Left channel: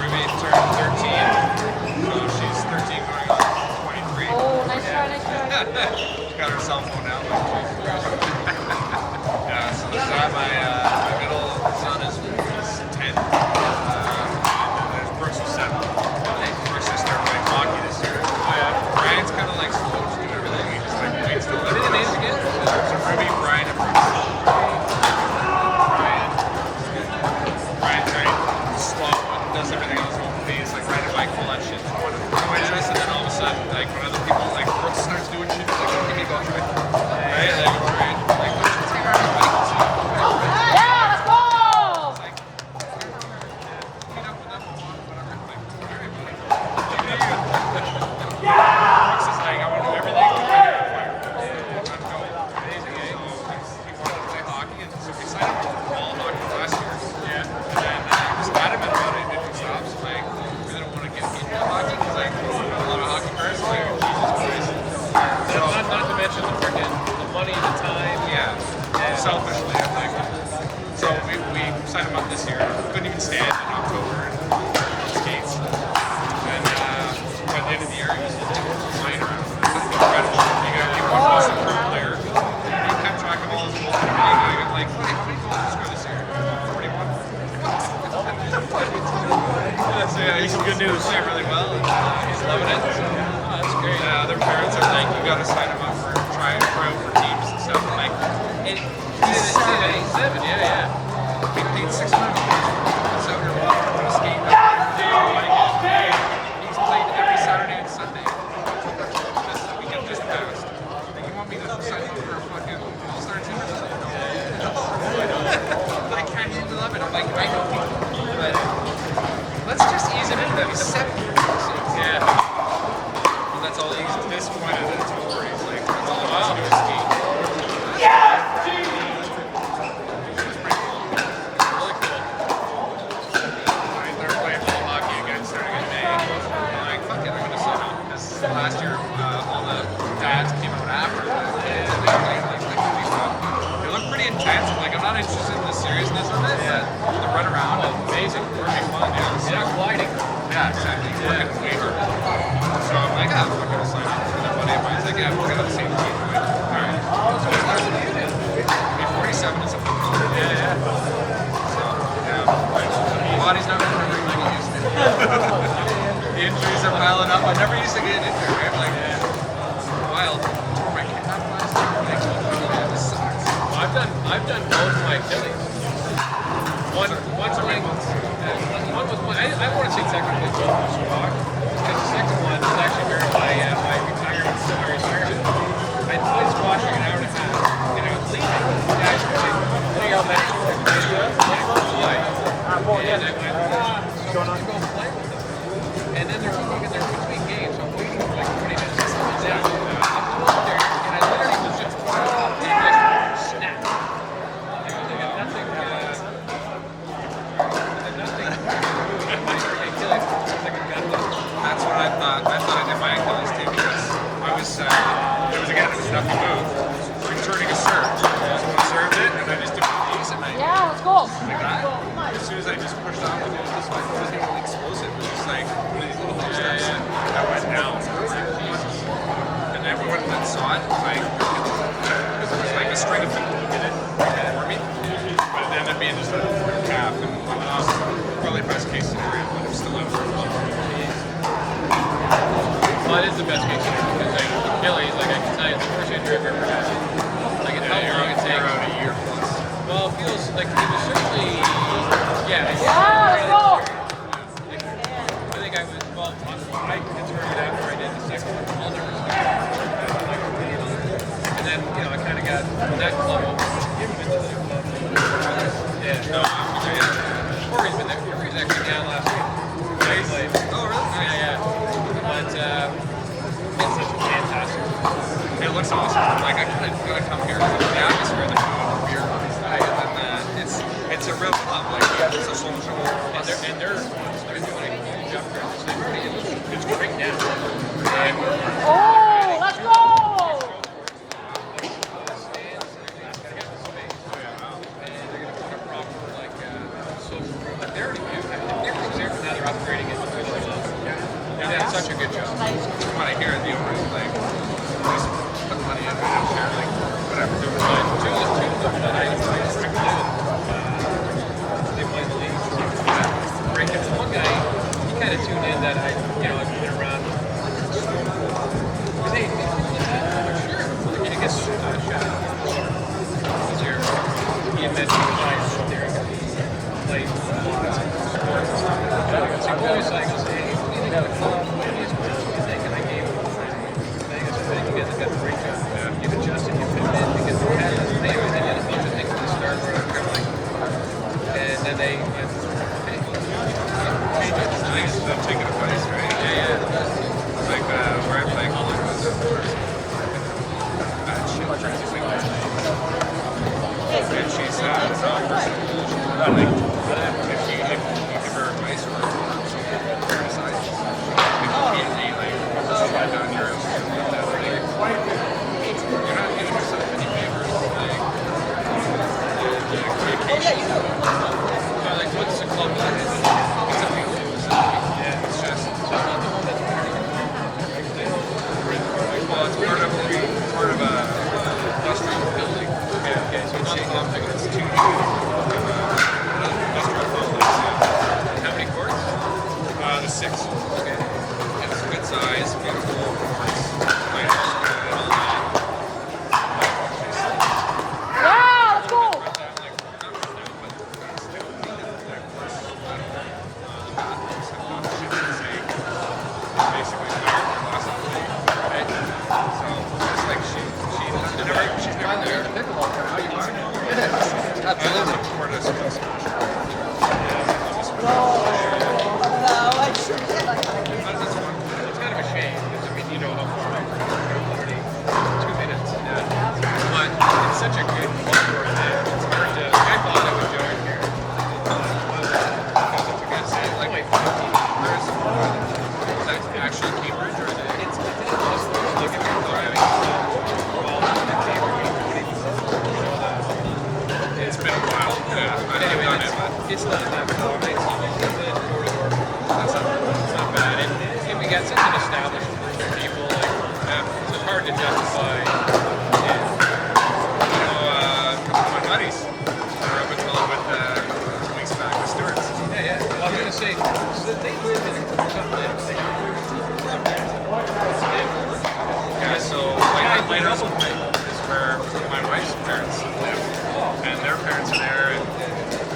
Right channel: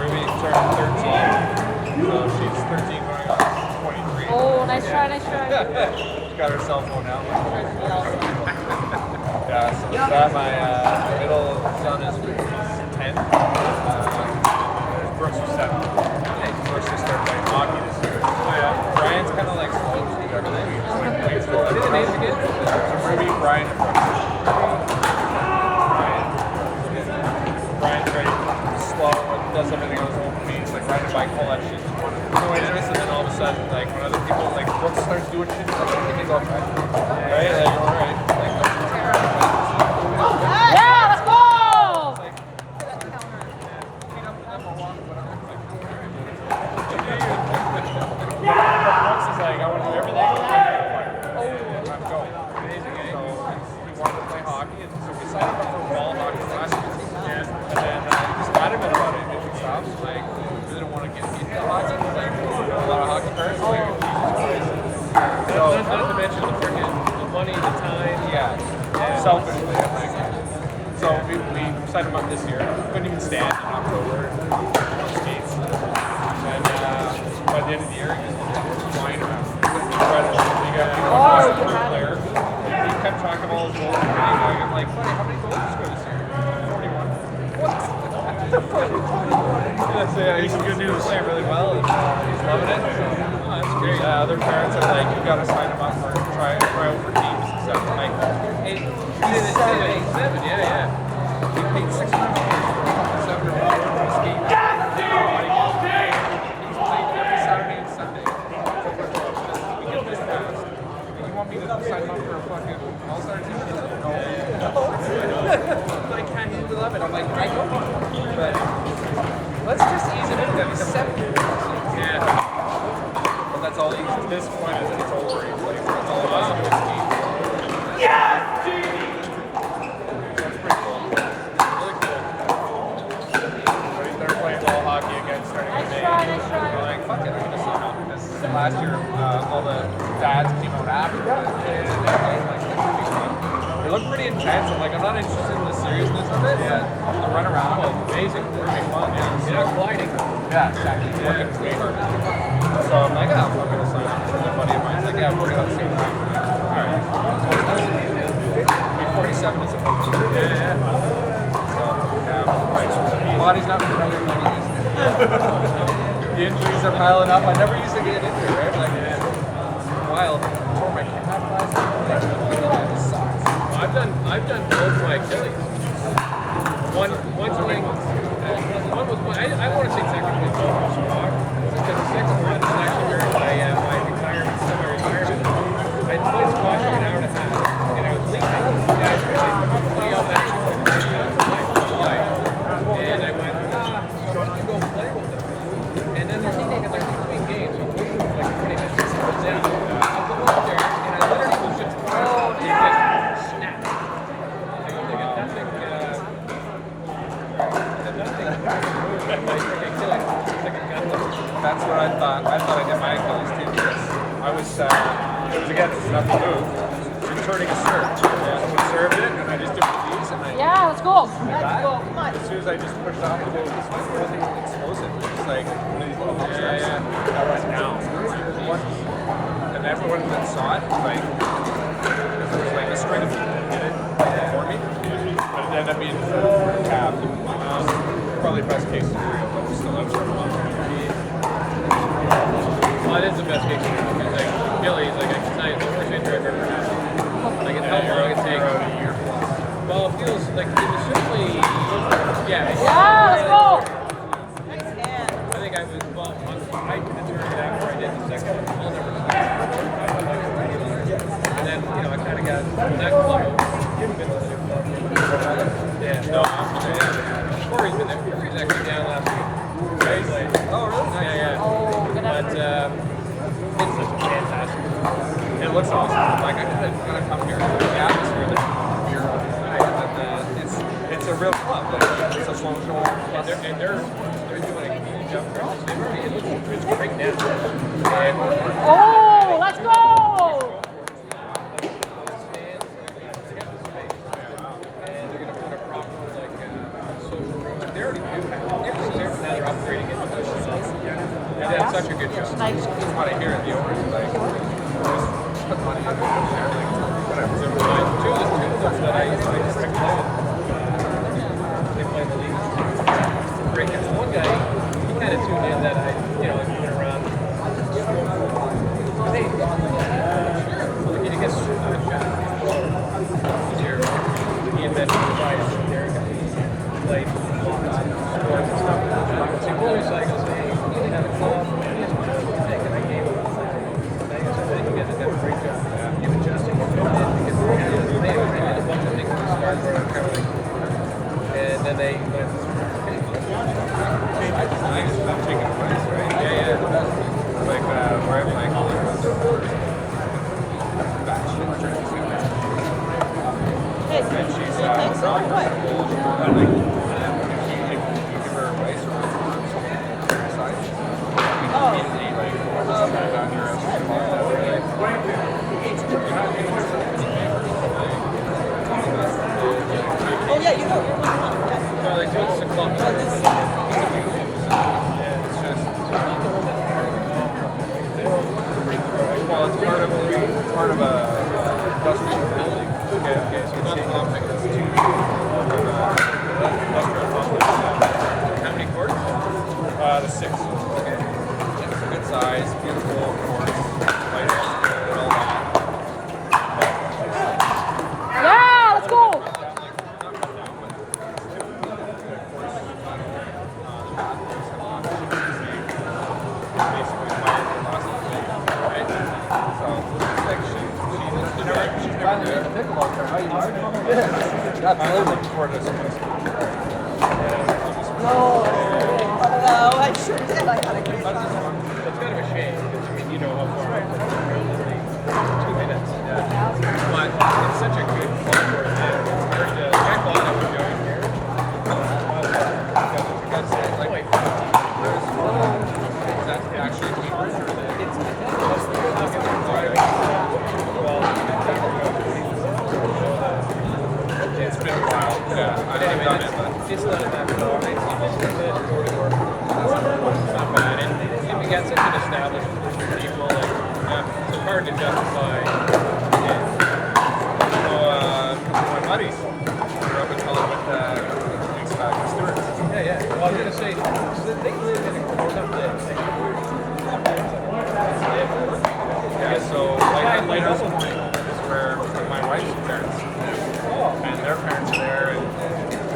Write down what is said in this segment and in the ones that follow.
Ruby turned 13, so she's 13 going on 23. Got her cell phone out. Like, yeah, so there's that. My middle son is 10. There's Brooks is 7. Nice. Brooks just started playing hockey this year. Oh yeah. Brian's kind of like slow to everything. He just like plays still. What are the names again? So Ruby, Brian, and Brooks. Brian's very slow and does everything on his own pace, like riding a bike, all that shit. And then all of a sudden, like when other people, like Brooks starts doing shit, he's like, give me a go try. Right? Like, all right. Like, it's like riding a bike. Brooks is like, I want to do everything, I got a fire. And I'm go. Amazing, eh? So he wanted to play hockey, and so we signed up for ball hockey last year. Yeah. And then just adamant about it if he stops. Like, really don't want to get into hockey because like a lot of hockey parents like Jesus Christ. Not to mention the freaking the money, the time. Yeah. Selfishly, I think. So we signed him up this year. Couldn't even stand in October and skates. And by the end of the year, he was flying around. You got people watching the third player. He kept track of all his goals. I'm like, buddy, how many goals did you score this year? 41. What? So yeah, he's good news. He's playing really well, and he's loving it. So. Oh, that's great. Other parents are like, you got to sign him up for try out for teams and stuff. I'm like, He's 7, yeah. I think it's $600 for 7-year-old skating up. He's played every Saturday and Sunday. October 12th, this weekend just passed. And you want me to sign him up for a fucking all-star team or something? No. No. I know. But I can't use 11. I'm like, I know. But let's just ease it into them. He's 7 years. Yeah. Well, that's all he's disappointed that it's over. He's like, oh, wow. Let's go ski. Yeah! So it's pretty cool. Really cool. So he started playing ball hockey again starting in May. I'm like, fuck it, I'm going to sign up. Because last year, all the dads came out after. They look pretty intense. I'm like, I'm not interested in the seriousness of it. Yeah. The run around. Oh, amazing. Working fun, yeah. You're not gliding. Yeah, exactly. Yeah. Working way harder. So I'm like, yeah, I'm going to sign up. And a buddy of mine's like, yeah, we're going to the same team. I'm like, all right. Be 47 is a fun thing. Yeah. So, yeah. Body's not recovering like it used to. The injuries are piling up. I never used to get into it, right? Like, wild. I tore my calf last year. Like, this sucks. Well, I've done both my Achilles. One was I want to say technically both was squat, because the second one was actually during my retirement, semi-retirement. I played squash like an hour and a half, and I was leaving. The guys were like, "Hey, I'm not going to play why?" And I went, so I wanted to go play with them. And then they're between games, so I'm waiting for like 20 minutes to cool down. I'll go up there, and I literally was just throwing up, and it just snapped. Like, it was like a nothing move at my freaking Achilles. It's like a gun lift. That's what I thought. I thought I did my Achilles too because I was, it was nothing move. Returning a serve. Someone served it and I just took the deeps and like that. As soon as I just pushed off to go this way, it wasn't even explosive. It was just like one of these little hop steps. I went down. And everyone that saw it, like, because there was like a string of people that did it for me. But it ended up being just a calf. Probably best case scenario, but I'm still out for Well, it is the best case scenario because like Achilles, like I can tell you, it's the worst injury I've ever had. Like how long it takes. Around a year plus. Well, it feels like it was certainly, like I think I was I determined after I did the second one, I'll never stop before. I like $100. And then I kind of got when that club. You haven't been to the new club? Yeah. No. Corey's been there. Corey's actually down last week. Corey played. Oh, really? Yeah. But it's such a fantastic. It looks awesome. Like I gotta come here. The atmosphere, the beer, and it's a real club. Like it's a social. And they're doing a huge upgrade. So they've already it's great now. And they're adding two courts, like stands and everything. They got the space. And they're gonna put a proper social room. Like they already do have everything's there, but now they're They've done such a good job. From what I hear, the owners are like, just put money in, they don't care, like, whatever. They're right. Two of them that I play with, they play in the league. Great guys. One guy, he kind of tuned in that I've been around sport for a while. Because, hey, you got to do what's happening? I'm sure. Like, I guess shot thrower. Easier. He admitted he was there. Played lots of sports and stuff. So he always like goes, hey, what do you think of the club? What do you think? And I gave him my thing. I said, I think you guys have done a great job. You've adjusted, you've pivoted, because they had this. Anyways, they did a bunch of things at the start where they're kind of like, and then they went, hey, change it. Nice. They're taking advice, right? Yeah. Like where I play golf was the first bad shit, crazy like that. And she's not personable. If you give her advice or something that decides, immediately like, just get down here and you want that, really. You're not getting yourself any favors. So like, what's the club like? It's a beautiful facility. Yeah, It's just not the one that's part of a complex, right? They don't bring, like, well, it's part of a industrial building. Okay, so it's not the complex. It's two industrial complex. How many courts? The 6. Okay. It's a good size, beautiful courts, players, and all that. Absolutely. For this place. Well, it's kind of a shame because I mean, you know how far I'm from here. They're literally 2 minutes. Yeah. But it's such a good club where it is. It's hard to. I thought I would join here. Because it's a good city. It's only 15. Where's is that actually Cambridge or is it? It's like if you're driving from 12 to Cambridge on 24, you know the. It's been a while. Yeah. But anyway, it's not that far. It's a bit door to door. It's not bad. And we got such an established group of people. Like, so it's hard to justify it. A couple of my buddies were up in Tulsa with a couple of weeks back with Stewart's. Yeah. Well, I was gonna say, so they live in a or not live. They have work. Yeah, so Guys, my double. is where my wife's parents live. Oh. And their parents are there, and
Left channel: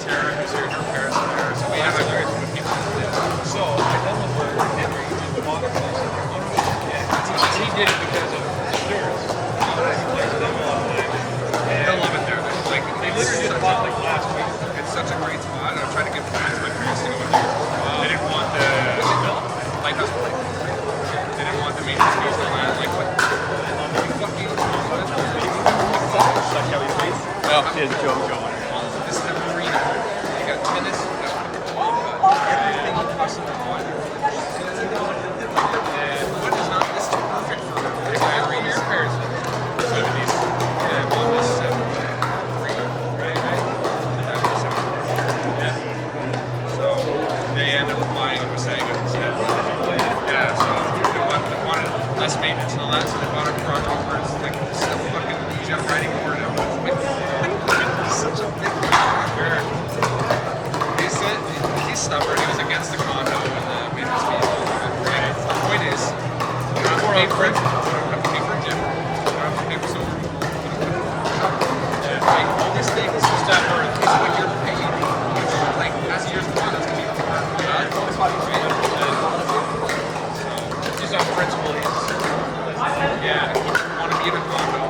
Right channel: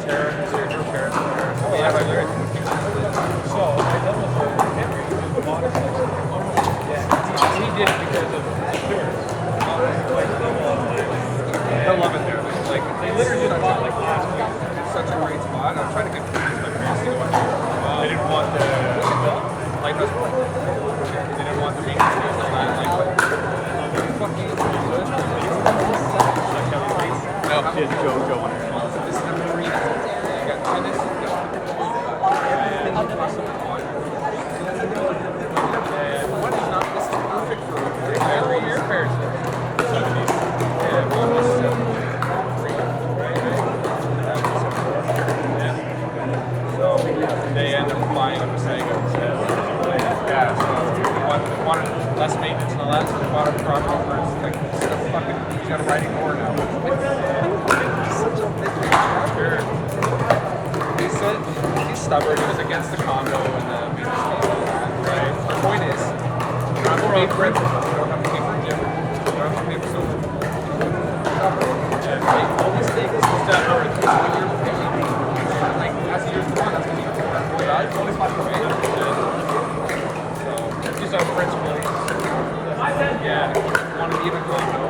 Tara, who's here, her parents are there. So we Oh, have that's a hilarious. group of people who live there. So I dealt for Henry, who just bought a place in their company. Yeah, he did it because of the stewards. He plays with them all the time. They'll love it there. They literally just bought like last week. It's such a great spot. I was trying to get the kids, but Wow. they didn't want the What's it called? lighthouse point. They didn't want the maintenance fees to land. Like, what? You fucking No. Did JoJo in it. this is the marina. You got tennis, you got pickleball, you got everything you possibly want. And What is not this is perfect for how old are your parents then? 70s. Yeah. One was 73. Right. That was 74. Yeah. So they ended up buying Wasaga instead. Oh yeah. Yeah, so they wanted less maintenance and all that, so they bought a truck over. It's like stuff fucking, he's got a riding mower now. He's such a big truck. Sure. He's stubborn. He was against the condo and the maintenance fees and all that. Right. The point is, you don't have to More pay on for it. You don't have to pay for a gym. You don't have to pay for silver. Yeah. Right? All these things What's that worth? is what you're paying. Like, as the years go on, that's going to get more and more valuable. 100%. Just on principle, yeah. Want to be in a condo,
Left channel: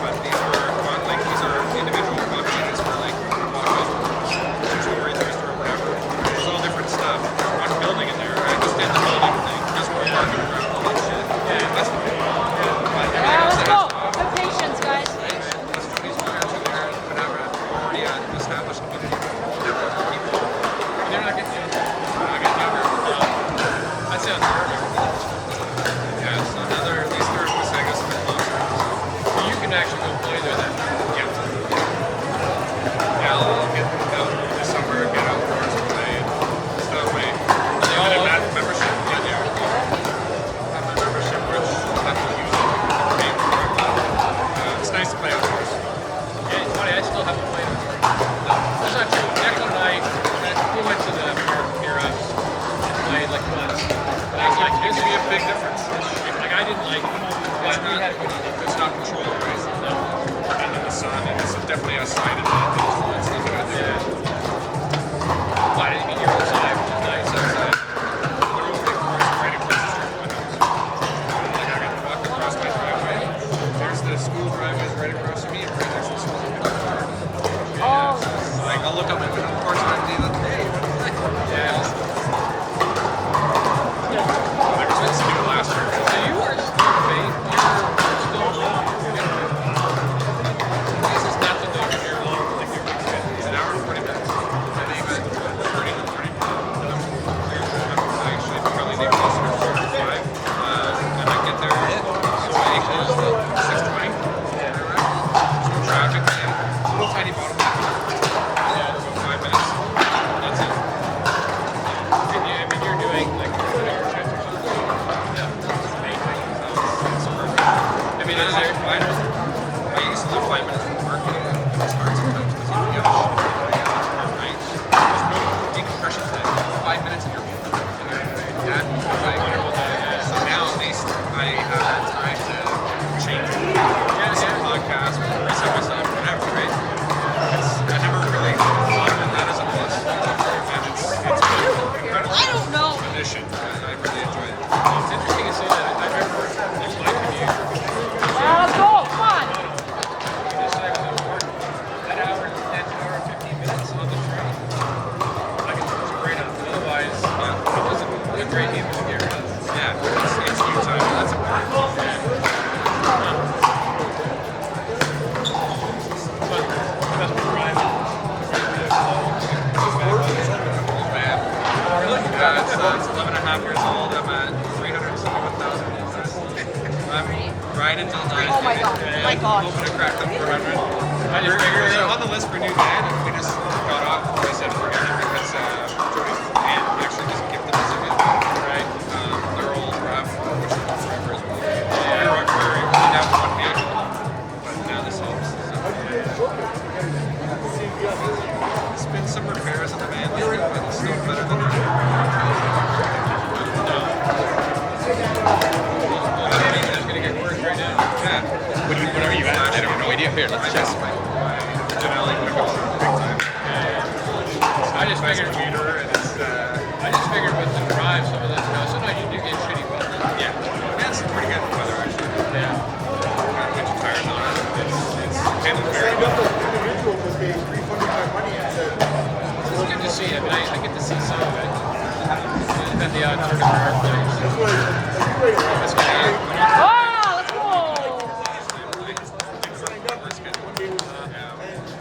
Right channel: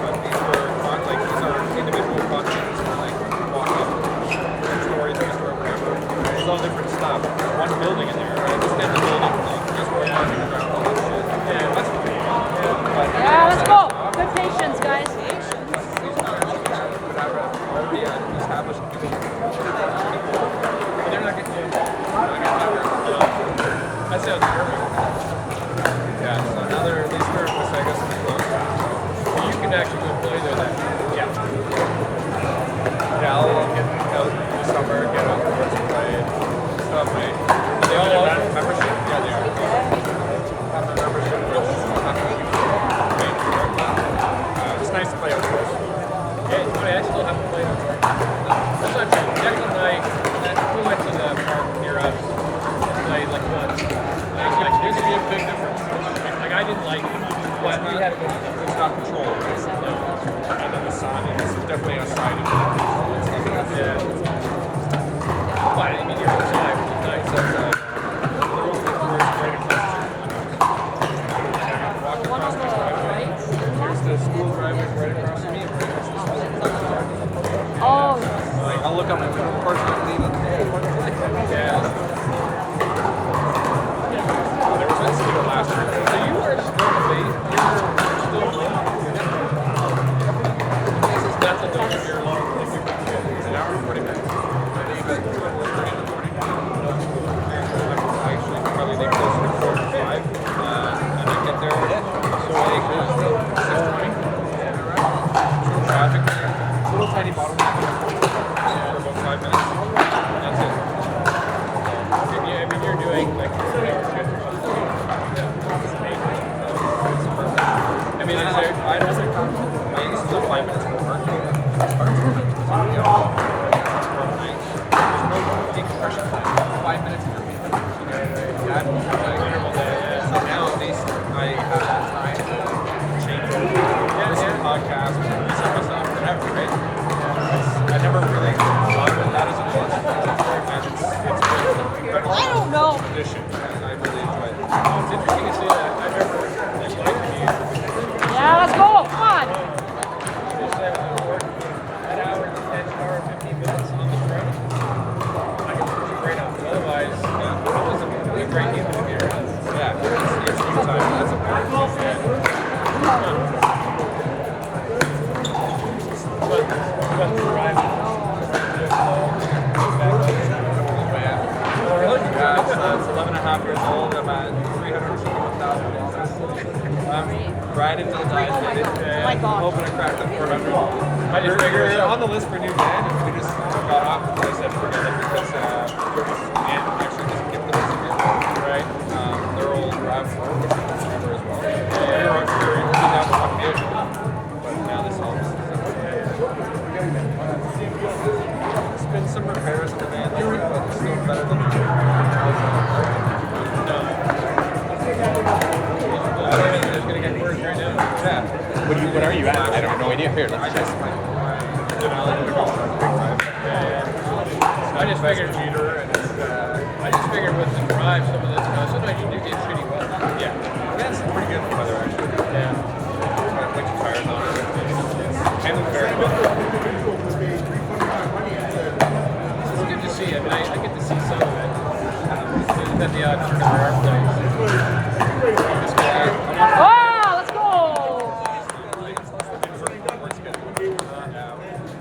but these are individual condo units for like walk up, 2-story, 3-story, whatever. There's all different stuff. One building in there. I understand the building thing. Just one parking ground. Yeah. That's fine. But everything else there. Good patience, guys. These parents in there would have already an established community. They're fucking people. But they're not getting younger. Not getting younger. No. That sounds perfect. Yeah, so now they're at least they're in Wasaga, so they're closer. So you can actually go play there then. Yeah. Yeah, I'll get out this summer, get outdoors and play and stuff, right? Are they all Their outdoor? membership? Yeah, they are. like this It's is a big difference. like I didn't like, but we had a good. It's not controlled, right? No. The sun is definitely outside. It's not good. Yeah. But I mean, you're outside, which is nice. It's outside. We're right across the street from my house. I can walk across my driveway. There's the school driveways right across from me, and right next to the school. Like, I'll look out my window, of course, and I'll be like, hey, you want to play? Yeah. There was meant to be the last year. So you are still based. You're still rolling. This is nothing though. If you're long, like you're big fit. It's an hour and 40 minutes. I leave at 2:30 in the morning. I actually probably leave close to 4:05. And I get there, so I equals 6:20. Yeah. No traffic. It's a little tiny bottleneck. Yeah. About 5 minutes. That's it. Yeah, I mean, you're doing like a 2-hour shift or something. It's amazing. It's perfect. I mean, is there? I used to live 5 minutes from work. It's hard sometimes because you get there's no decompression time. 5 minutes of your meal. That, I wonder about that. Yeah. so now at least I have that time to change over, listen to podcasts, reset myself, whatever, right? I never really thought of that as a plus. And it's incredible. I don't know. Addition. I really enjoy it. It's interesting to say that. I remember like my commute. You just say I was at work that hour and 10 hour and 15 minutes on the train. I could switch it right off. But otherwise, it wasn't a great human to be around. Yeah, it's good time. That's important. Yeah. Huh. But Vesper driving right through those lows, bad weather. Oh, really? Yeah, it's 11 and a half years old. I'm at 371,000 kilometers. I'm riding until dies. Oh my god. Yeah, Oh my gosh. hoping to crack that 400. I just figured we're so. on the list for a new van. We just got off. I said forget it because Jody actually doesn't get the list again. Right. They're old RAV4, which is forever as well. Yeah. We're only down to one vehicle, but now this helps. So. It's been some repairs on the van lately, but it's still better than the No. Well, David, we're just going to get worse right now. Yeah. What are you at? I have no idea. Here, let's check. I just figured. And it's, I just figured with the drive, some of this, you know, sometimes you do get shitty weather. yeah, that's pretty good weather actually. Yeah. Got winter tires on it. It's handled very well. It's good to see. I mean, I get to see some of it. We've had the odd turn of our place. This guy here.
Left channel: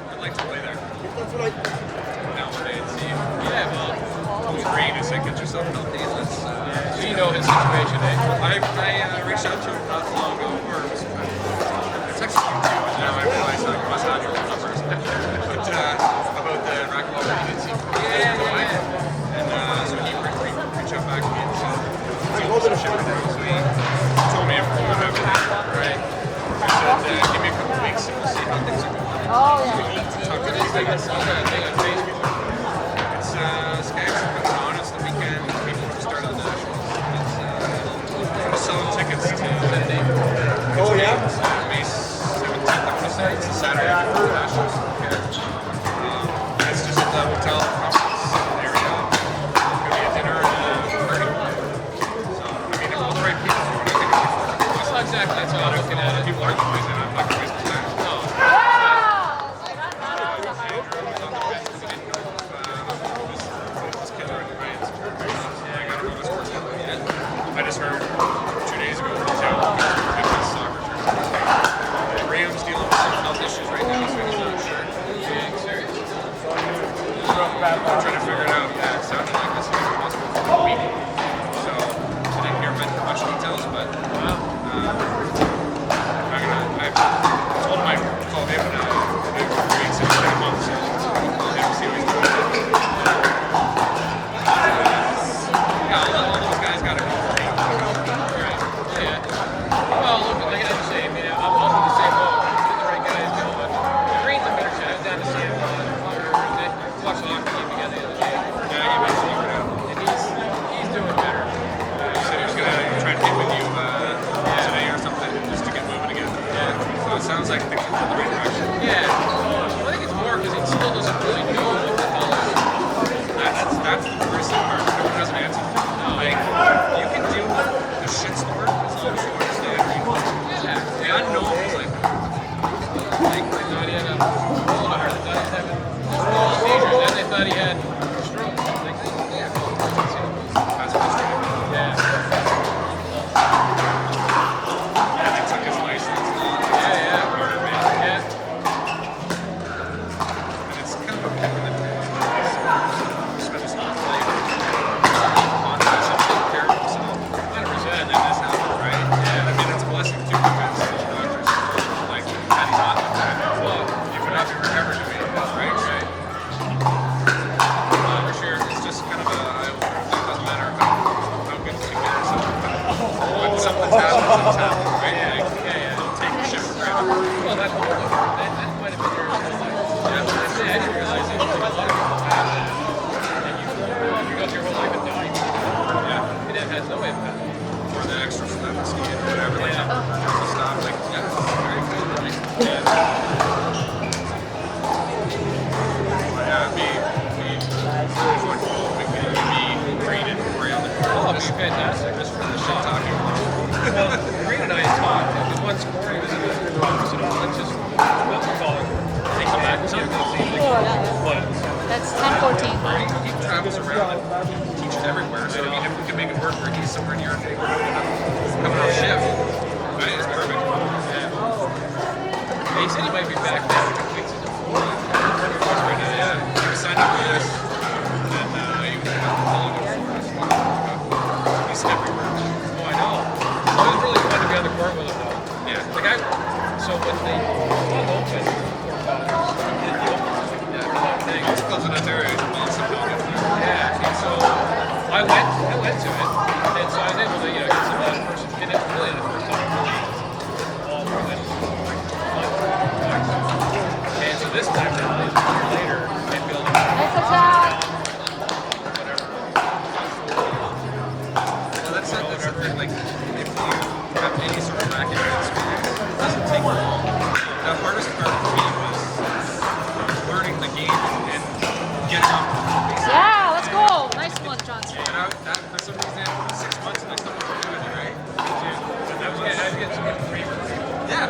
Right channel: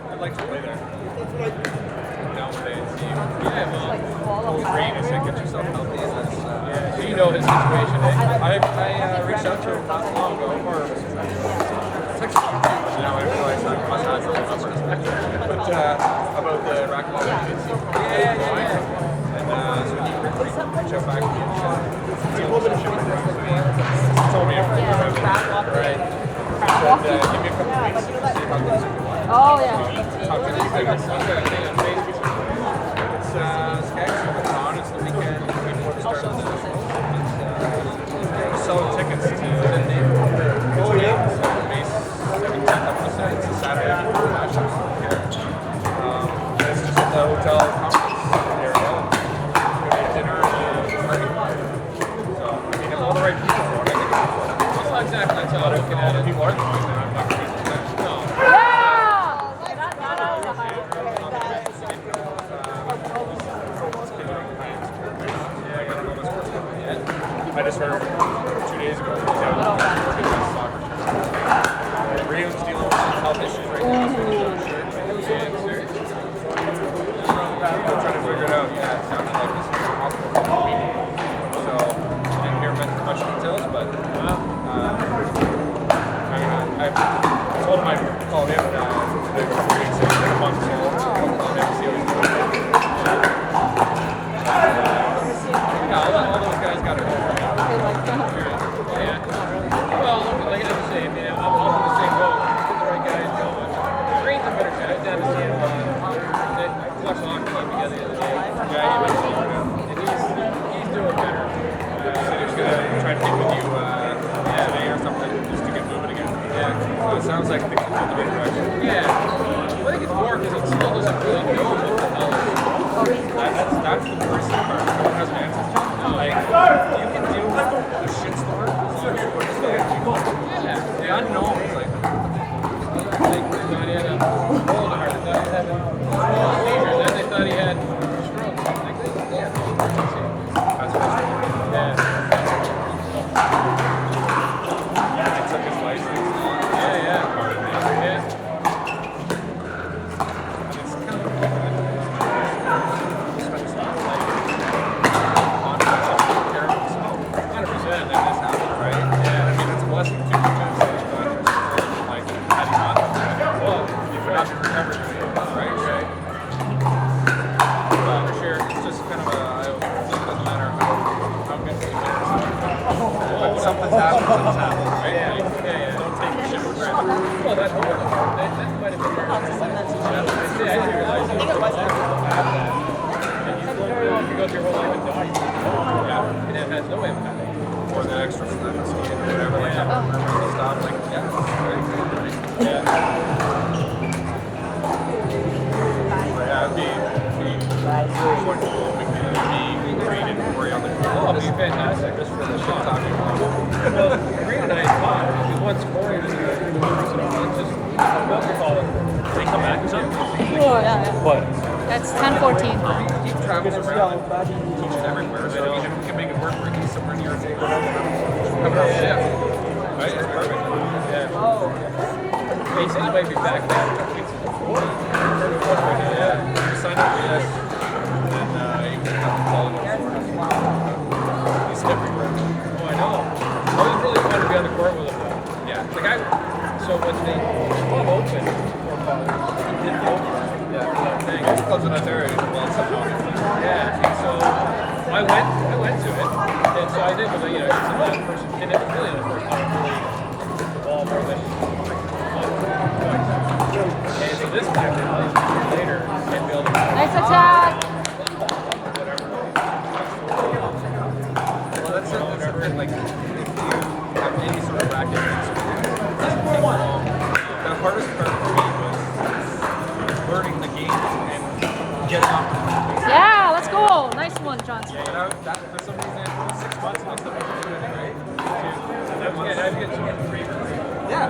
I'd like to play there. Nowadays. Yeah, well. Total green is like get yourself healthy and let's. Yeah, so you know his situation, eh? I reached out to him not long ago, or it was, I texted you too, but now I realize I must have your old numbers. But about the racquetball races. Yeah. And so he reached out back to me and said, some shit like that. So he told me everything about everything. Right. He said, give me a couple of weeks and we'll see how things are going. What is it? I saw that thing on Facebook. It's Skags puts on. It's the weekend before the start of the Nationals. It's selling tickets to the name? Oh, yeah. So May 17th, I'm going to say. It's a Saturday after the Nationals. Okay. It's just at the hotel conference area. It's going to be a dinner and a party. So, I mean, if all the right people are going, I think it'll be fun. Well, exactly. That's how I'm looking at it. People are going, then I'm not going to waste my time. No. I just heard 2 days ago from Joe working on a soccer tournament. Graham's dealing with some health issues right now, so he's not sure. Being serious? I'm trying to figure it out. Yeah, it sounded like this is a hospital for a week. So I didn't hear much details, but Wow. I told him I'd call him the grade 6 months, so I'll call him and see what he's doing. Yeah, all those guys got it going. Yeah. Well, look, like I say, I mean, I'm in the same boat. Get the right guys going. Green's a better shot. I was down to see him on Thursday. We watched the hockey game together the other day. Yeah, he was over now. And he's doing better. He said he was going to So it sounds like things are in the right direction. Yeah. Well, I think it's more because he still doesn't really know what the hell is wrong. That's the worst part. No one has an answer. No. Like, you can do the shitstorm as long as you understand. Yeah. God knows, like, They thought he had a hole in the heart. They thought he was having seizures. Then they thought he had strokes. Like, they have all sorts of things. that's what's going. Yeah. He took his license. Yeah. Part of it. Yeah. And it's kind of a weird one. Spent his whole life on taking care of himself. 100%. And then this happened, right? Yeah. I mean, it's a blessing too because like, had he not done that, Well, you would not be ever doing it, right? right. For sure. It's just kind of an eye-opener. It doesn't matter how good you care or something. But something's happened, right? Yeah. Don't take the shit for granted. Well, that hole in the heart, that might have been there his whole life. I didn't realize that like, a lot of people have that. And you go through your whole life and die, you don't know. Yeah. And it has no impact. Or the extra stimulus you get or whatever. Like, Yeah. stuff. Like, yeah, it's very cool, right? Yeah. But yeah, it'd be really what we could be graded for you on the Oh, it'd be fantastic. Just for the shit talking. Well, Green and I had talked, because once Corey was in the office, and let's just, what we call it, and, you know, because it seems like, what? It's 10:14. Right? He travels around and teaches everywhere. So I mean, if we can make it work where he's somewhere near a day coming off shift. Right? It's perfect. Yeah. Yeah, he said he might be back down in a couple weeks. He's in Florida. Heard it last weekend. Yeah. You can sign up for this, and then you can have to call it in Florida. He's everywhere. Oh, I know. It was really fun to be on the court with him, though. Yeah. The guy, so when the club opened for Fathers, he did the opener, part of that thing. Most clubs in Ontario, well, somehow get there. Yeah, and so I went to it, and so I was able to, get some person, and it was really the first time I really hit the ball more than like once, twice. And so this time now, a year later, and be able to whatever. Well, that's it. Whatever. Like, if you have any sort of racket experience, it doesn't take long. The hardest part for me was learning the game and getting up. Yeah, let's go. Nice one, Johnson. And for some reason, it was 6 months and I couldn't do it, right? I was getting so much grief from people. Yeah.